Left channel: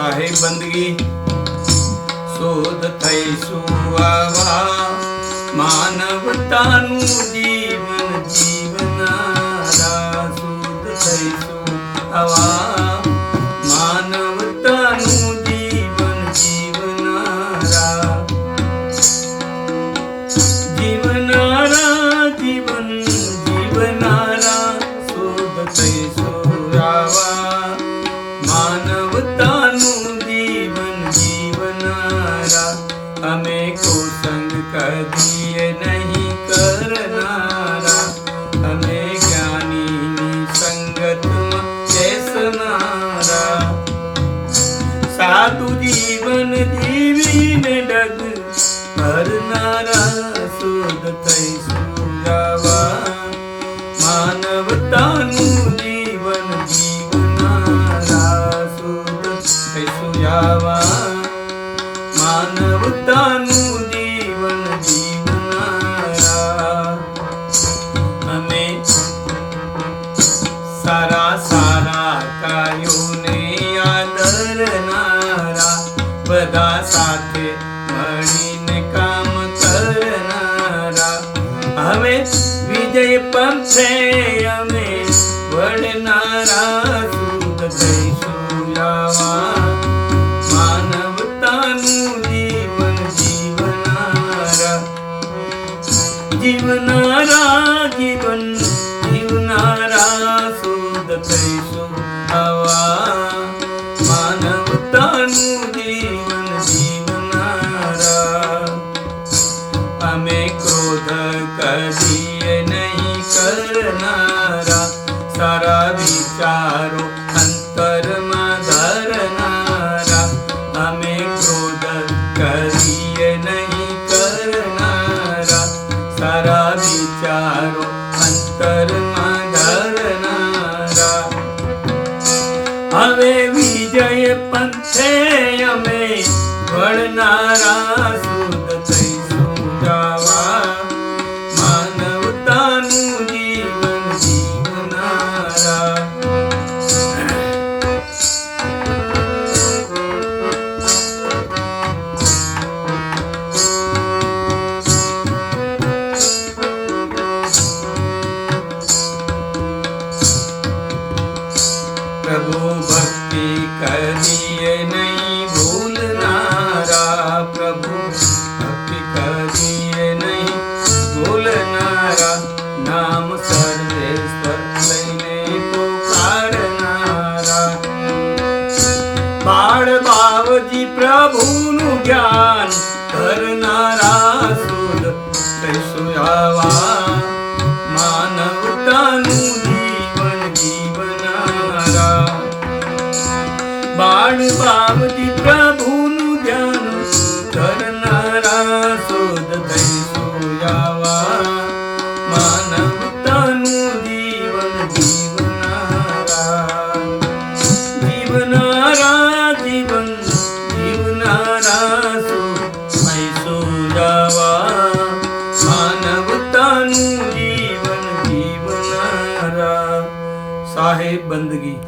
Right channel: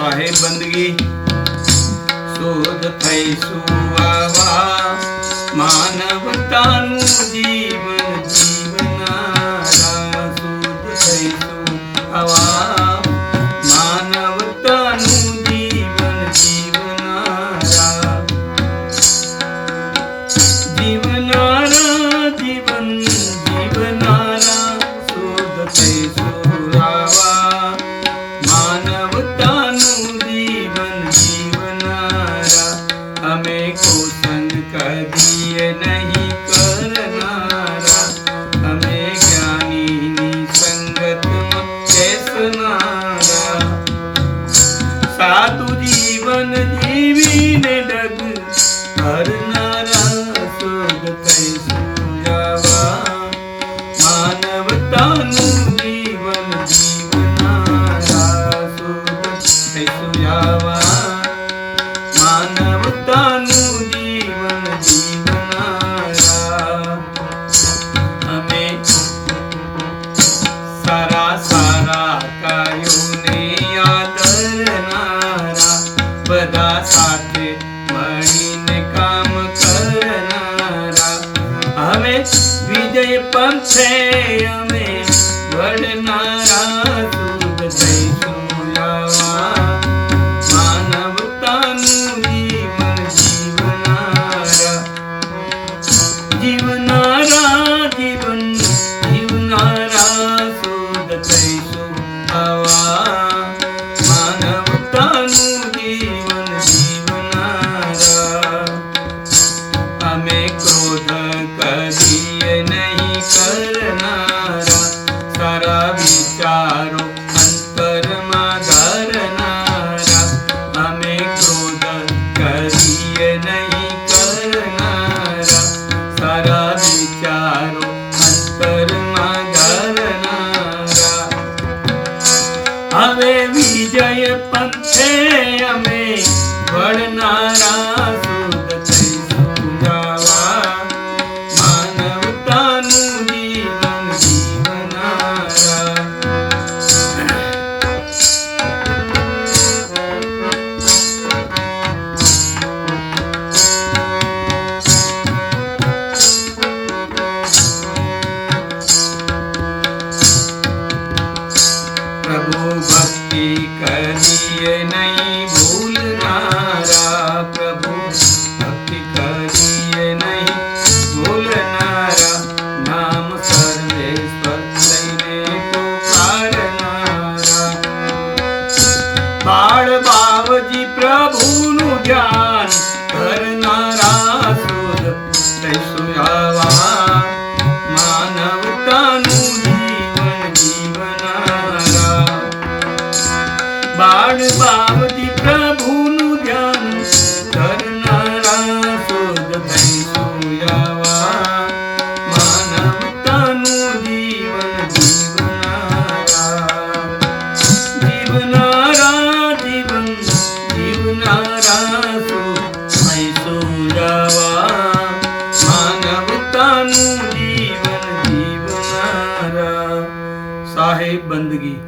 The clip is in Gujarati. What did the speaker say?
સાહેબ બંદગી શોધ થઈશું આવા માનવતાનું જીવન જીવનારા. શોધ થઈશું આવા માનવતાનું જીવન જીવનારા. જીવનારા જીવન જીવનારા શોધ થઈશું આવા માનવતાનું જીવન જીવનારા. અમે કોસંગ કદીએ નહીં કરનારા, અમે જ્ઞાનીની સંગતમાં બેસનારા. સાધુ જીવન જીવીને ડગ ભરનારા. શોધ થઈશું આવા માનવતાનું જીવન જીવનારા. શોધ થઈશું આવા માનવતાનું જીવન જીવનારા. અમે સારા સારા કાયોને આદરનારા, બધા સાથે મળીને કામ કરનારા. હવે વિજય પંથે અમે વળનારા. શુદ્ધ થઈશું આવા માનવતાનું જીવન જીવનારા. જીવનારા જીવન જીવનારા. શુદ્ધ થઈશું આવા માનવતાનું જીવન જીવનારા. અમે ક્રોધ કરીએ નહીં કરનારા, સારા વિચારો અંતરમાં ધરનારા. અમે ક્રોધ કરીએ નહીં કરનારા, સારા વિચારો અંતરમાં ધરનારા. હવે વિજય પંથે અમે વળનારા. શુદ્ધ થઈશું આવા માનવતાનું જીવન જીવનારા. પ્રભુ ભક્તિ કરીએ નહીં ભૂલનારા. પ્રભુ ભક્તિ કરીએ નહીં ભૂલનારા. નામ સર્વેશ્વર લઈને પુકારનારા. બાળ બાવજી પ્રભુનું ધ્યાન કરનારા. શુદ્ધ થઈશું આવા માનવતાનું જીવન જીવનારા. બાળ બાવજી પ્રભુનું ધ્યાન કરનારા. શુદ્ધ થઈશું આવા માનવતાનું જીવન જીવનારા. જીવનારા જીવન જીવનારા. શુદ્ધ થઈશું આવા માનવતાનું જીવન જીવનારા. સાહેબ બંદગી.